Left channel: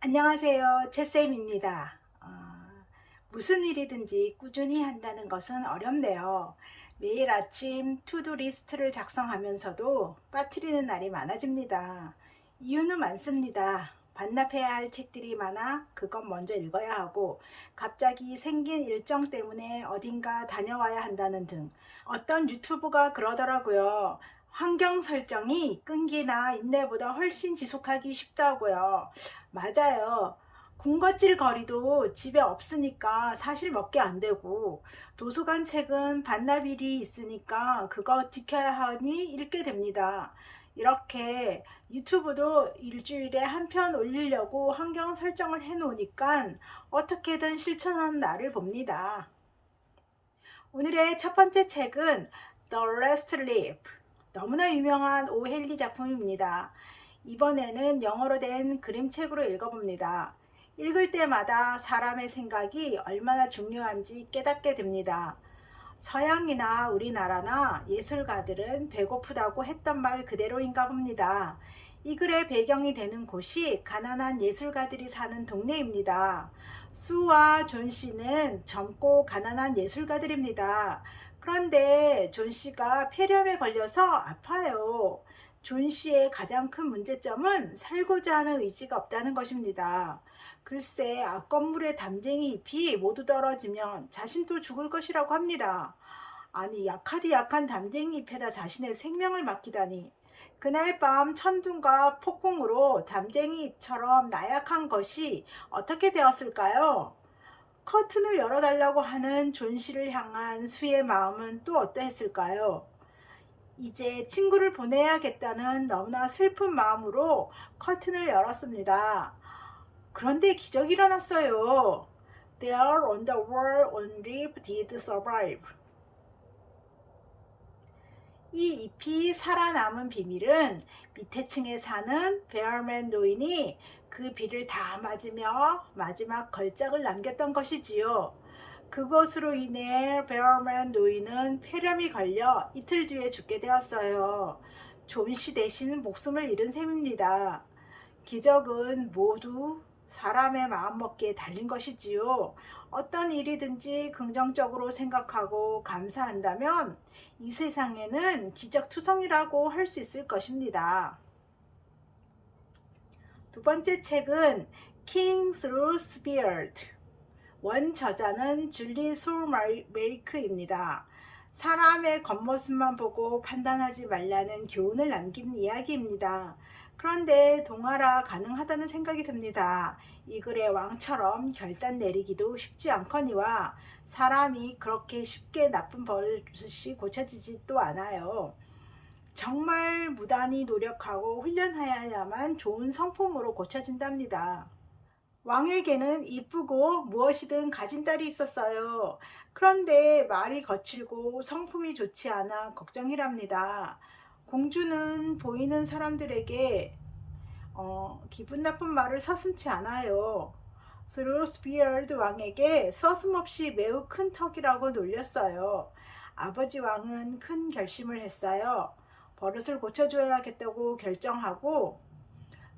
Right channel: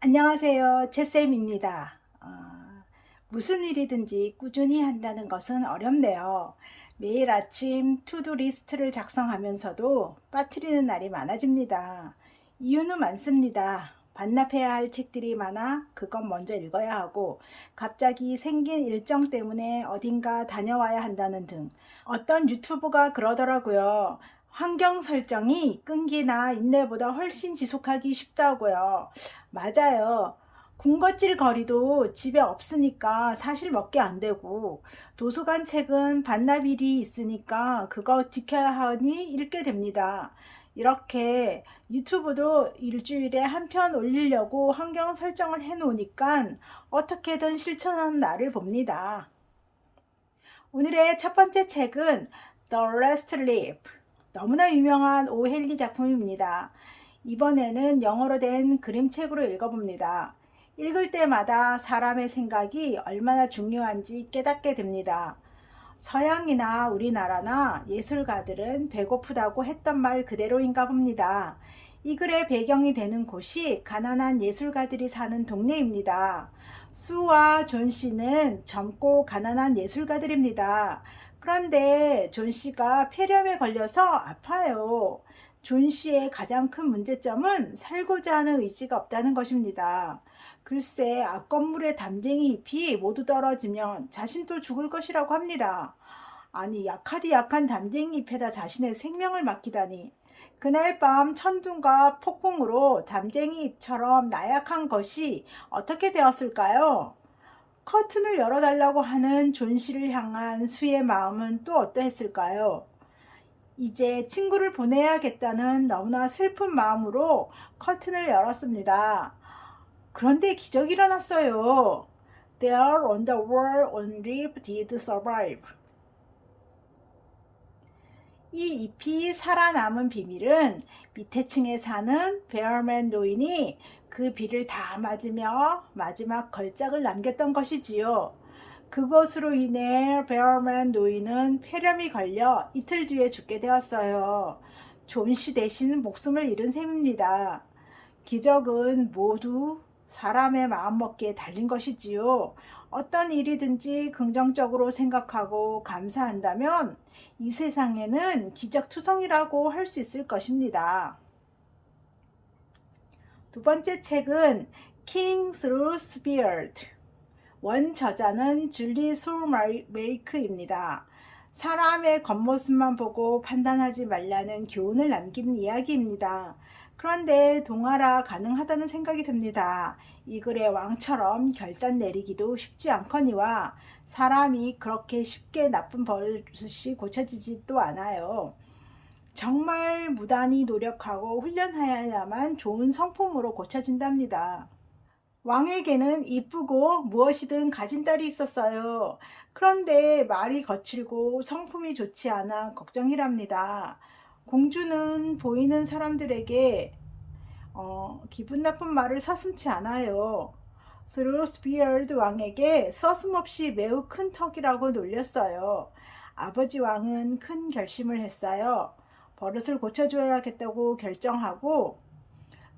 안녕하세요. 채쌤입니다. 무슨 일이든지 꾸준히 한다는 것은 어렵네요. 매일 아침 투두 리스트를 작성하면서도 빠뜨리는 날이 많아집니다. 이유는 많습니다. 반납해야 할 책들이 많아 그건 먼저 읽어야 하고, 갑자기 생긴 일정 때문에 어딘가 다녀와야 한다는 등. 어떤 유튜브가 그러더라고요. 환경 설정이 끈기나 인내보다 훨씬 지속하기 쉽다고요. 맞아요. 군것질 거리도 집에 없으니까 사실 먹게 안 되고, 도서관 책은 반납일이 있으니까 그거 지켜야 하니 읽게 됩니다. 이렇게 유튜브도 일주일에 한 편 올리려고 환경 설정을 해 놓으니까 어떻게든 실천하는 날을 봅니다. 오늘의 첫 번째 책은 The Last Leaf, 너무나 유명한 오헨리 작품입니다. 이번에는 영어로 된 그림책으로 읽어봅니다. 읽을 때마다 사람의 생각이 얼마나 중요한지 깨닫게 됩니다. 서양이나 우리나라나 예술가들은 배고프다고 했던 말 그대로인가 봅니다. 이 글의 배경이 되는 곳이 가난한 예술가들이 사는 동네입니다. 수와 존 씨는 젊고 가난한 예술가들입니다. 그런데 존 씨가 폐렴에 걸려서 아파요. 존 씨의 가장 큰 문제점은 살고자 하는 의지가 없다는 것입니다. 글쎄, 앞 건물에 담쟁이 잎이 모두 떨어지면 자신도 죽을 것이라고 합니다. 아니, 약하디 약한 담쟁이 잎에다 자신의 생명을 맡기다니. 그날 밤 천둥과 폭풍으로 담쟁이 잎처럼 나약한 것이 어떻게 되었을까요? 커튼을 열어달라고 하는 존 씨를 향한 수의 마음은 또 어떠했을까요? 이제 친구를 보내야겠다는 너무나 슬픈 마음으로 커튼을 열었습니다. 그런데 기적이 일어났어요. There on the wall only did survive. 이 잎이 살아남은 비밀은 밑에 층에 사는 베어맨 노인이 그 비를 다 맞으며 마지막 걸작을 남겼던 것이지요. 그것으로 인해 베어맨 노인은 폐렴이 걸려 이틀 뒤에 죽게 되었어요. 존 씨 대신 목숨을 잃은 셈입니다. 기적은 모두 사람의 마음먹기에 달린 것이지요. 어떤 일이든지 긍정적으로 생각하고 감사한다면 이 세상에는 기적투성이라고 할 수 있을 것입니다. 두 번째 책은 King Through Beard. 원 저자는 줄리 소메이크입니다. 사람의 겉모습만 보고 판단하지 말라는 교훈을 남긴 이야기입니다. 그런데 동화라 가능하다는 생각이 듭니다. 이 글의 왕처럼 결단 내리기도 쉽지 않거니와 사람이 그렇게 쉽게 나쁜 버릇이 고쳐지지도 않아요. 정말 무단히 노력하고 훈련하여야만 좋은 성품으로 고쳐진답니다. 왕에게는 이쁘고 무엇이든 가진 딸이 있었어요. 그런데 말이 거칠고 성품이 좋지 않아 걱정이랍니다. 공주는 보이는 사람들에게 기분 나쁜 말을 서슴지 않아요. 스루스비얼드 왕에게 서슴없이 매우 큰 턱이라고 놀렸어요. 아버지 왕은 큰 결심을 했어요. 버릇을 고쳐줘야겠다고 결정하고,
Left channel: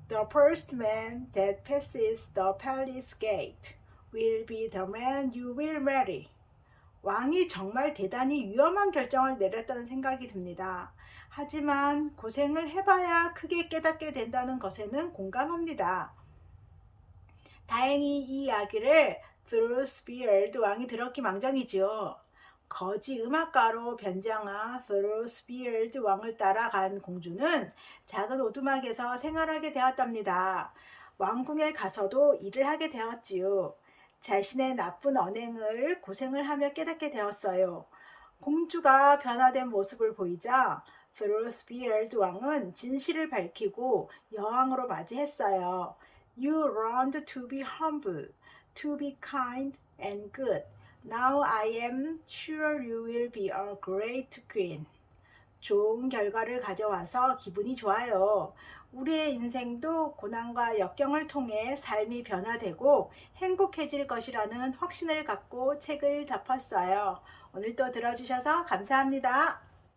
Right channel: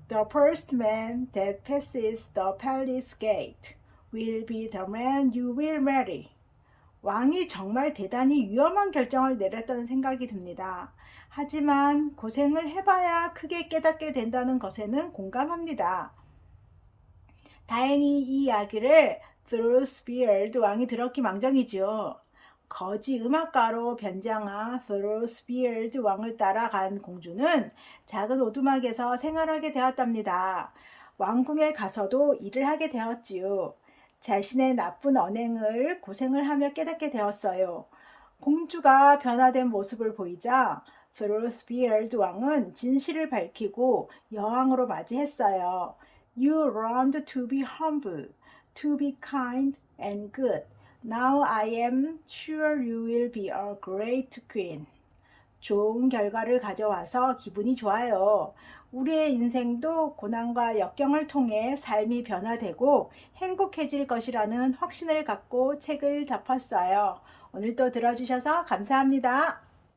The first man that passes the palace gate will be the man you will marry. 왕이 정말 대단히 위험한 결정을 내렸다는 생각이 듭니다. 하지만 고생을 해봐야 크게 깨닫게 된다는 것에는 공감합니다. 다행히 이 이야기를 스루스비얼드 왕이 들었기 망정이지요. 거지 음악가로 변장한 스루스비얼드 왕을 따라간 공주는 작은 오두막에서 생활하게 되었답니다. 왕궁에 가서도 일을 하게 되었지요. 자신의 나쁜 언행을 고생을 하며 깨닫게 되었어요. 공주가 변화된 모습을 보이자 스루스비얼드 왕은 진실을 밝히고 여왕으로 맞이했어요. You learned to be humble, to be kind and good. Now I am sure you will be a great queen. 좋은 결과를 가져와서 기분이 좋아요. 우리의 인생도 고난과 역경을 통해 삶이 변화되고 행복해질 것이라는 확신을 갖고 책을 덮었어요. 오늘도 들어주셔서 감사합니다.